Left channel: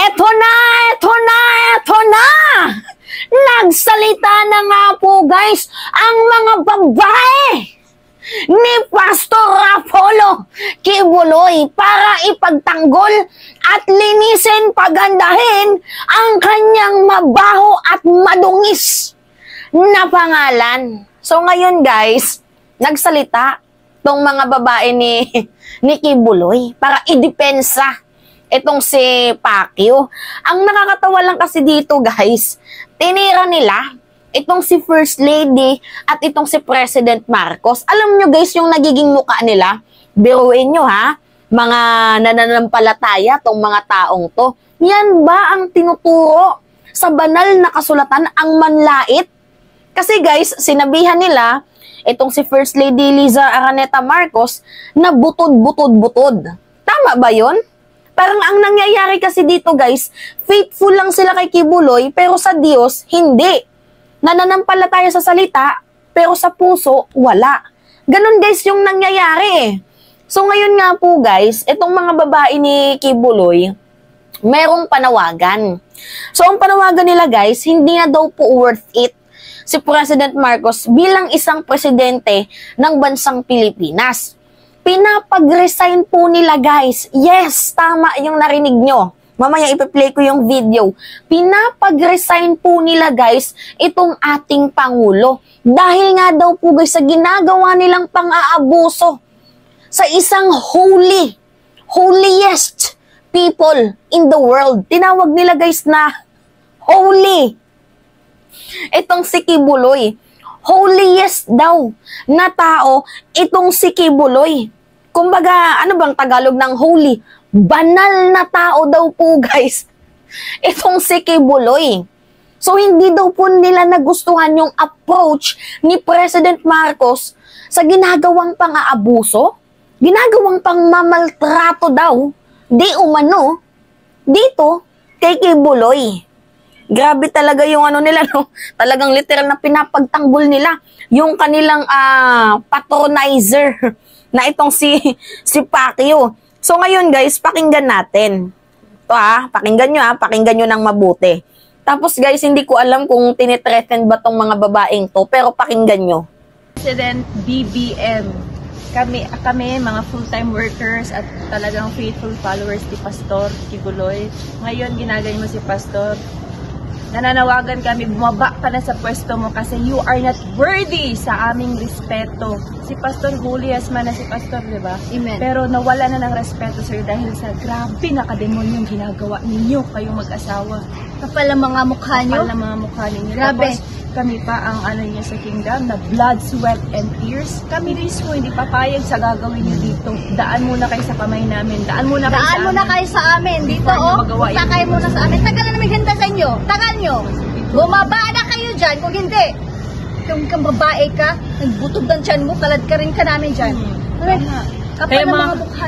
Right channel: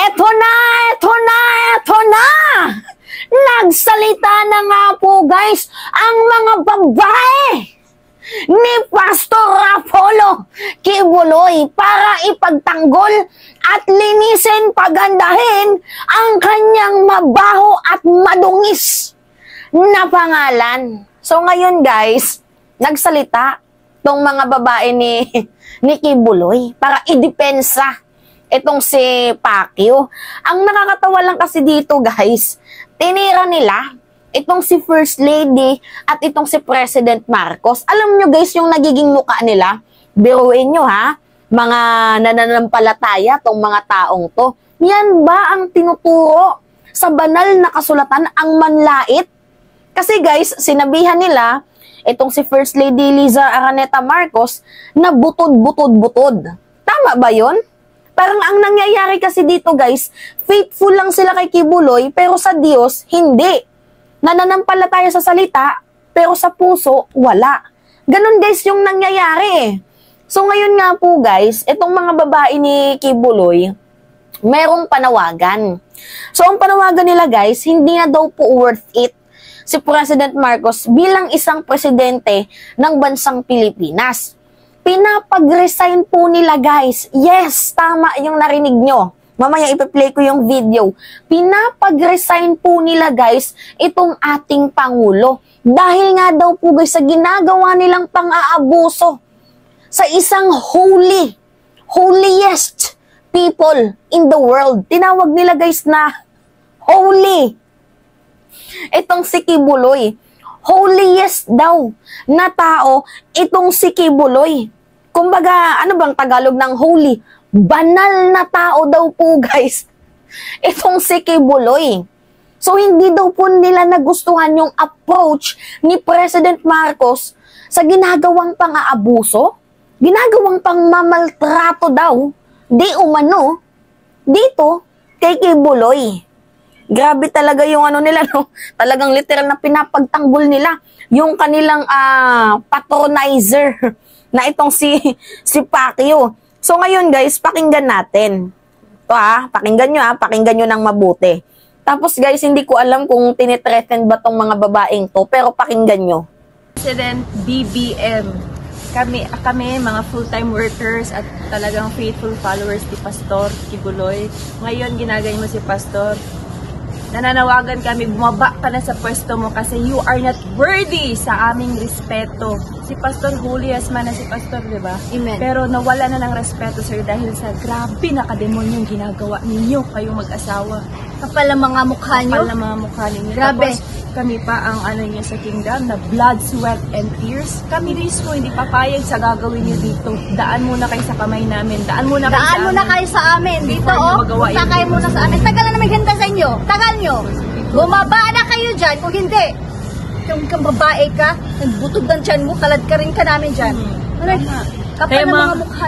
Eto na, eto na, eto na! Nagsalita na nga po guys ang mga babae ni Pastor Apollo Kibuloy para ipagtanggol at linisin, pagandahin ang kanyang mabaho at madungis na pangalan. So ngayon guys, nagsalita tong mga babae ni Kibuloy para idepensa itong si Pacquiao. Ang nakakatawa lang kasi dito guys, tinira nila itong si First Lady at itong si President Marcos. Alam nyo guys, yung nagiging mukha nila, biruin nyo ha, mga nananampalataya tong mga taong to. Yan ba ang tinuturo sa banal na kasulatan, ang manlait? Kasi guys, sinabihan nila itong si First Lady Liza Araneta Marcos na butod-butod-butod. Tama ba yun? Parang ang nangyayari kasi dito guys, faithful lang sila kay Kibuloy pero sa Diyos, hindi. Nananampalataya sa salita pero sa puso, wala. Ganon guys yung nangyayari. So ngayon nga po guys, itong mga babae ni Kibuloy, merong panawagan. So ang panawagan nila guys, hindi na daw po worth it si President Marcos bilang isang presidente ng bansang Pilipinas. Pinapag-resign po nila guys. Yes, tama yung narinig nyo. Mamaya ipi-play ko yung video. Pinapag-resign po nila guys itong ating Pangulo. Dahil nga daw po guys sa ginagawa nilang pang-aabuso sa isang holiest people in the world. Tinawag nila guys na holy. Itong si Kibuloy. Holiest daw na tao itong si Kibuloy. Kumbaga, ano bang Tagalog ng holy? Banal na tao daw po guys. Itong si Kibuloy. So hindi daw po nila nagustuhan yung approach ni President Marcos sa ginagawang pang-aabuso, ginagawang pang-mamaltrato daw, di umano, dito kay Kibuloy. Grabe talaga yung ano nila, no? Talagang literal na pinapagtanggol nila yung kanilang patronizer na itong si Pacquiao. So ngayon guys, pakinggan natin. Ito pakinggan nyo ng mabuti. Tapos guys, hindi ko alam kung tinitreaten ba tong mga babaeng to, pero pakinggan nyo. President BBM, kami mga full-time workers at talagang faithful followers ni Pastor Kibuloy. Ngayon ginagawa mo si Pastor. Nananawagan kami, bumaba ka na sa pwesto mo kasi you are not worthy sa aming respeto. Si Pastor Julius man na si Pastor, di ba? Pero nawala na ng respeto, sir, dahil sa grabe na kademonyong ginagawa ninyo, kayong mag-asawa. Kapal ang mga mukha nyo. Kapal ang mga mukha ninyo. Grabe. Tapos kami pa ang ano niya sa kingdom na blood, sweat, and tears. Kami mismo hindi papayag sa gagawin niyo dito. Daan muna kayo sa kamay namin. Daan muna kayo sa amin. Dito, punta kayo muna sa amin. Tagal na may ganda sa inyo. Tagal nyo. Bumaba na kayo dyan. Kung hindi, kung babae ka, nagbutog ng tiyan mo, kalad ka rin ka namin dyan. Tama.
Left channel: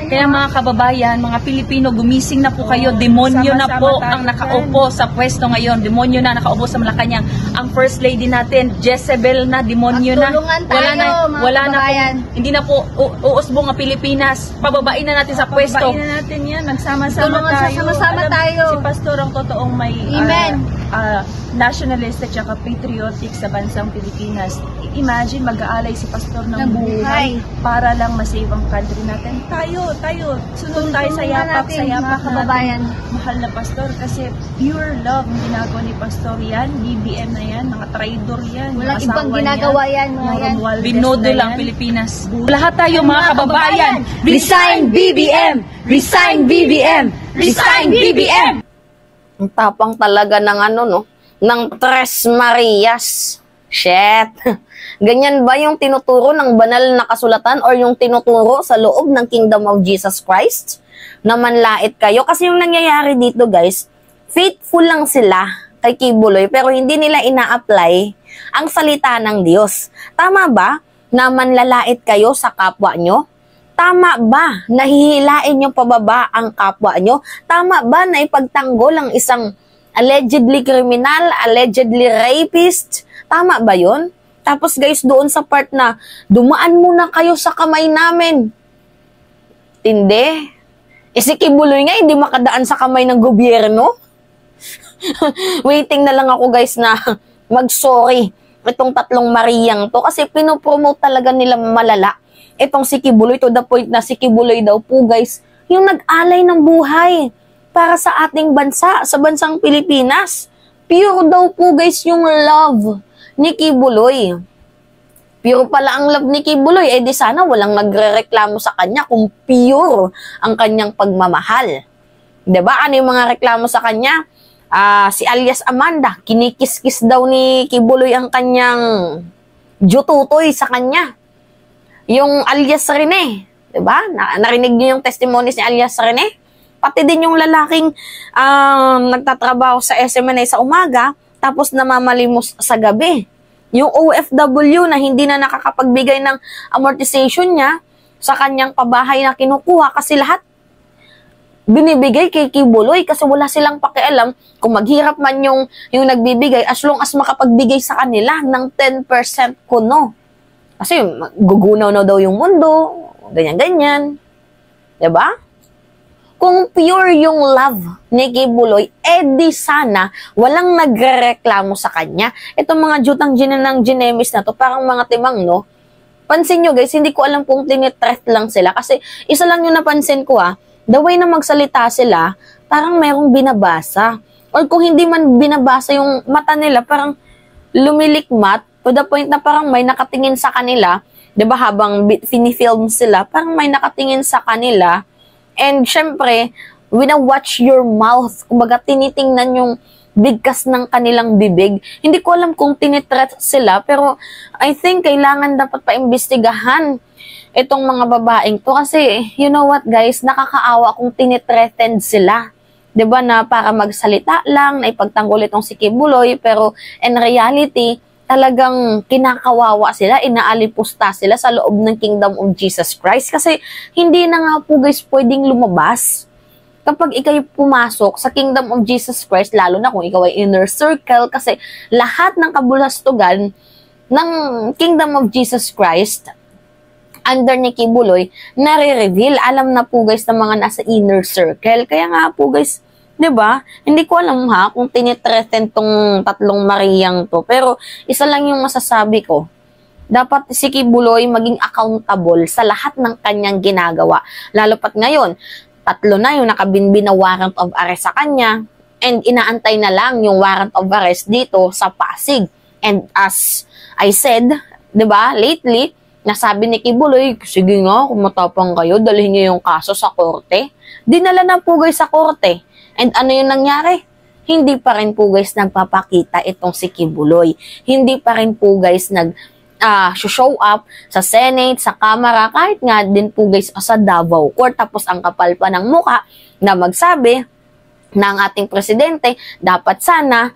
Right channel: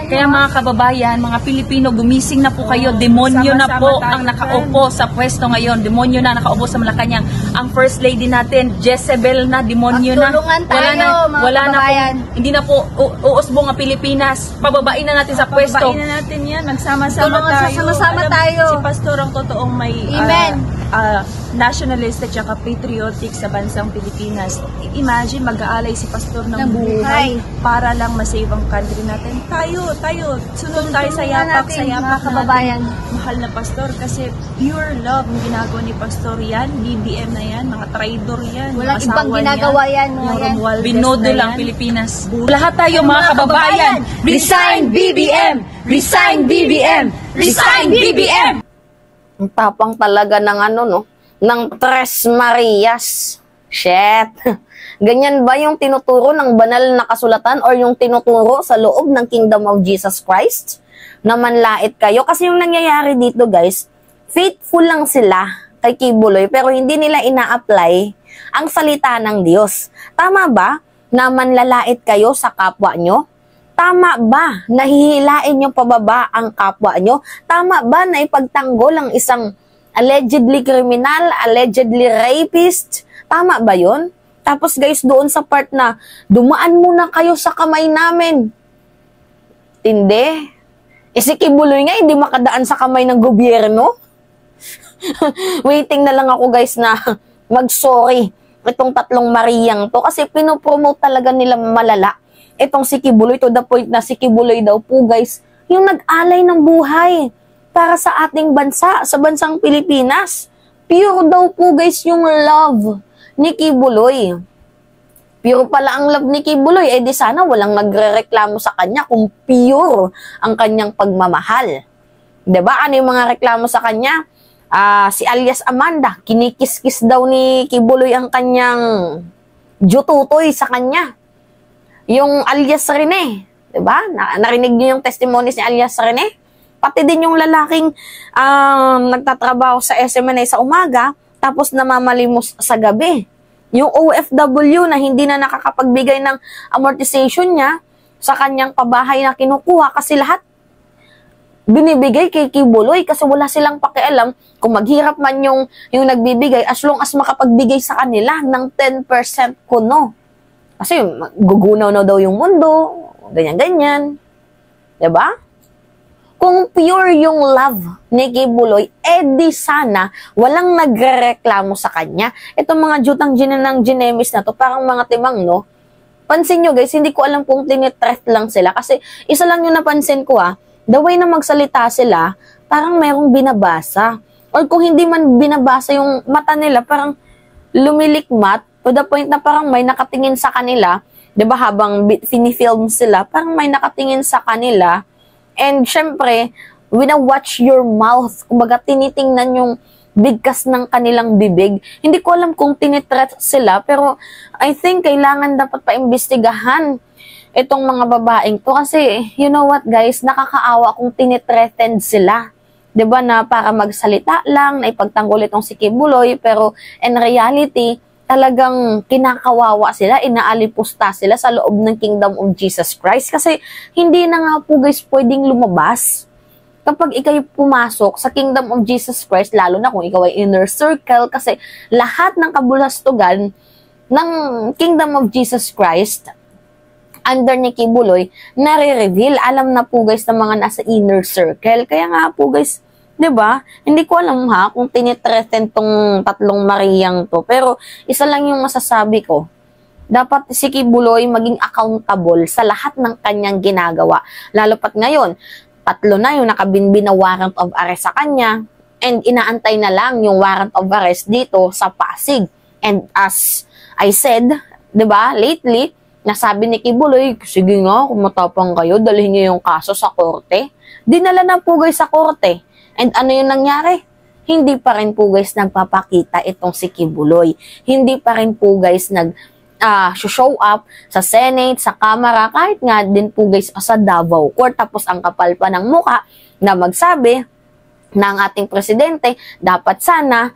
Kaya mga kababayan, mga Pilipino, gumising na po kayo. Demonyo na po ang nakaupo sa pwesto ngayon. Demonyo na nakaupo sa Malacanang. Ang First Lady natin, Jezebel na, demonyo na. Wala na po. Hindi na po uusbong ang Pilipinas. Pababain na natin sa pwesto. Pababain na natin yan. Magsama-sama tayo. Si Pastor ang totoong may nationalist at saka patriotic sa bansang Pilipinas. Imagine, mag-aalay si Pastor ng buhay para lang masave ang country natin. Tayo, sunod tayo sa yapak natin. Mahal na Pastor, kasi pure love ang ginagawa ni Pastor yan, BBM na yan, mga traidor yan, walang mga asawa ginagawa niya, yan, yung Romualdez binodo na lang yan. Pilipinas. Lahat tayo mga kababayan, resign BBM! Resign BBM! Resign BBM! Ang tapang talaga ng ng Tres Marias. Shit. Ganyan ba yung tinuturo ng banal na kasulatan or yung tinuturo sa loob ng Kingdom of Jesus Christ? Na manlait kayo. Kasi yung nangyayari dito guys, faithful lang sila kay Kibuloy pero hindi nila ina-apply ang salita ng Diyos. Tama ba na manlalait kayo sa kapwa nyo? Tama ba na hihilain nyo pababa ang kapwa nyo? Tama ba na ipagtanggol ang isang allegedly criminal, allegedly rapist? Tama ba yun? Tapos guys, doon sa part na dumaan muna kayo sa kamay namin. Hindi. Si Kibuloy nga, hindi makadaan sa kamay ng gobyerno. Waiting na lang ako guys na mag-sorry itong tatlong Mariang to kasi pinopromote talaga nila malala itong si Kibuloy to the point na si Kibuloy daw po guys yung nag-alay ng buhay para sa ating bansa, sa bansang Pilipinas. Pure daw po guys yung love ni Kibuloy. Pure pala ang love ni Kibuloy, di sana walang nagre-reklamo sa kanya kung pure ang kanyang pagmamahal. Diba? Ano yung mga reklamo sa kanya? Si alias Amanda, kinikis-kis daw ni Kibuloy ang kanyang jututoy sa kanya. Yung alias Rene, diba? Narinig niyo yung testimony ni alias Rene? Pati din yung lalaking nagtatrabaho sa SMNA sa umaga, tapos namamalimos sa gabi. Yung OFW na hindi na nakakapagbigay ng amortization niya sa kanyang pabahay na kinukuha kasi lahat binibigay kay Kibuloy kasi wala silang pakialam kung maghirap man yung nagbibigay as long as makapagbigay sa kanila ng 10% kuno. Kasi gugunaw na daw yung mundo, ganyan-ganyan. Diba? Kung pure yung love ni Kibuloy, di sana walang nagrereklamo sa kanya. Itong mga jutang ng ginemis na to, parang mga timang, no? Pansin nyo guys, hindi ko alam kung tinitreat lang sila. Kasi isa lang yung napansin ko the way na magsalita sila, parang merong binabasa. Or kung hindi man binabasa yung mata nila, parang lumilikmat to the point na parang may nakatingin sa kanila. Diba habang finifilm sila, parang may nakatingin sa kanila. And syempre, wina-watch your mouth. Kumbaga, tinitingnan yung bigkas ng kanilang bibig. Hindi ko alam kung tinitreat sila, pero I think kailangan dapat paimbestigahan itong mga babaeng to. Kasi, you know what guys, nakakaawa kung tinitreaten sila. 'Di ba na para magsalita lang, na ipagtanggol itong si Kibuloy, pero in reality, talagang kinakawawa sila, inaalipusta sila sa loob ng Kingdom of Jesus Christ kasi hindi na nga po guys pwedeng lumabas. Kapag ikaw pumasok sa Kingdom of Jesus Christ, lalo na kung ikaw ay inner circle kasi lahat ng kabulastugan ng Kingdom of Jesus Christ under ni Kibuloy, nare-reveal. Alam na po guys ng mga nasa inner circle. Kaya nga po guys, 'di ba? Hindi ko alam kung tinitreaten tong tatlong Mariang to. Pero isa lang yung masasabi ko. Dapat si Kibuloy maging accountable sa lahat ng kanyang ginagawa. Lalo pat ngayon, 3 na yung nakabinbin na warrant of arrest sa kanya and inaantay na lang yung warrant of arrest dito sa Pasig. And as I said, 'di ba, lately, nasabi ni Kibuloy, sige nga, kung matapang kayo, dalhin niyo yung kaso sa korte. Dinala na po guys sa korte. And ano yung nangyari? Hindi pa rin po guys nagpapakita itong si Kibuloy. Hindi pa rin po guys show up sa Senate, sa Kamara, kahit nga din po guys sa Davao Court. Tapos ang kapal pa ng muka na magsabi ng ating presidente, dapat sana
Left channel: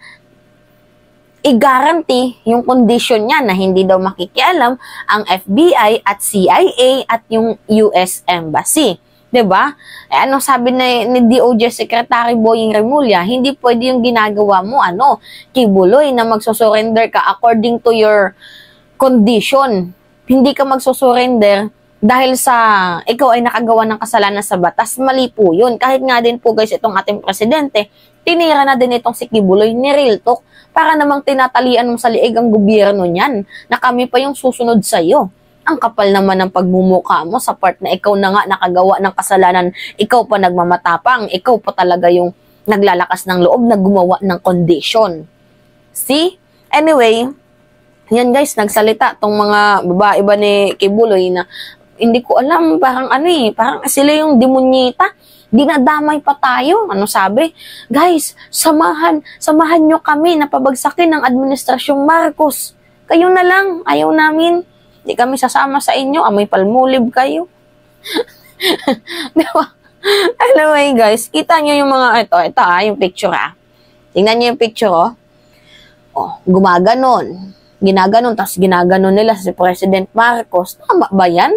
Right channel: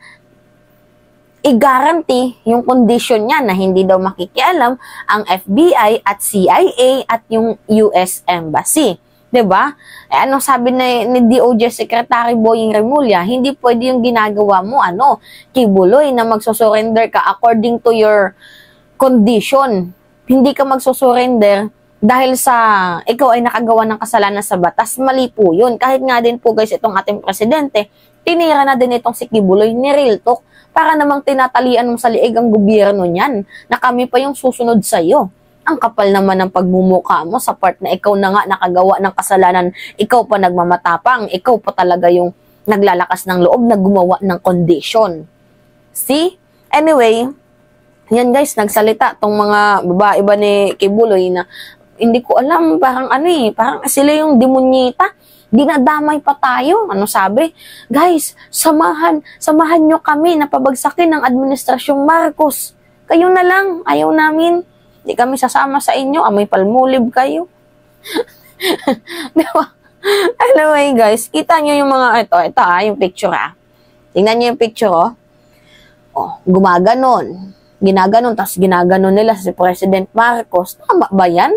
i-guarantee yung condition niya na hindi daw makikialam ang FBI at CIA at yung US Embassy. 'Di ba? Anong sabi ni DOJ Secretary Boying Remulla, hindi pwede yung ginagawa mo Kibuloy, na magsusurrender ka according to your condition. Hindi ka magsusurrender dahil sa ikaw ay nakagawa ng kasalanan sa batas. Mali po yun. Kahit nga din po guys itong ating presidente, tinira na din itong si Kibuloy ni Real Talk para namang tinatalian mo sa liig ang gobyerno niyan na kami pa yung susunod sa iyo. Ang kapal naman ng pagmumukha mo sa part na ikaw na nga nakagawa ng kasalanan, ikaw pa nagmamatapang, ikaw pa talaga yung naglalakas ng loob na gumawa ng condition. See? Anyway, yan guys, nagsalita tong mga babae ba ni Kibuloy na hindi ko alam, parang parang sila yung demonyita. Dinadamay pa tayo. Ano sabi? Guys, samahan nyo kami na pabagsakin ng Administrasyong Marcos. Kayo na lang, ayaw namin. Hindi kami sasama sa inyo, amoy palmulib kayo. Diba? Anyway guys, kita nyo yung mga, ito yung picture Tingnan nyo yung picture gumaganon. Ginaganon, tapos ginaganon nila si President Marcos. Tama ba yan?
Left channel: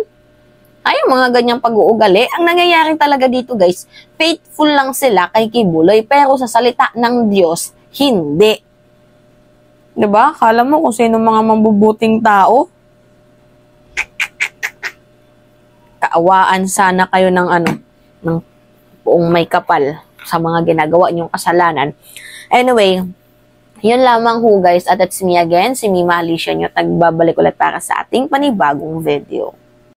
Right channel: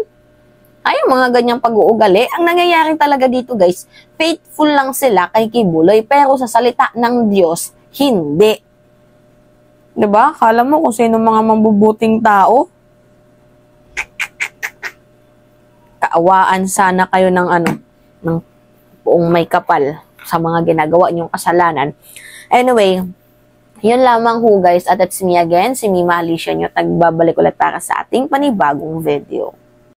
Ay, mga ganyang pag-uugali. Ang nangyayari talaga dito guys, faithful lang sila kay Kibuloy, pero sa salita ng Diyos, hindi. Diba? Kala mo kung sino mga mambubuting tao? Kaawaan sana kayo ng Kung may kapal sa mga ginagawa niyong kasalanan. Anyway, yun lamang ho guys, at it's me again, si Mima Alicia nyo, tagbabalik ulit para sa ating panibagong video.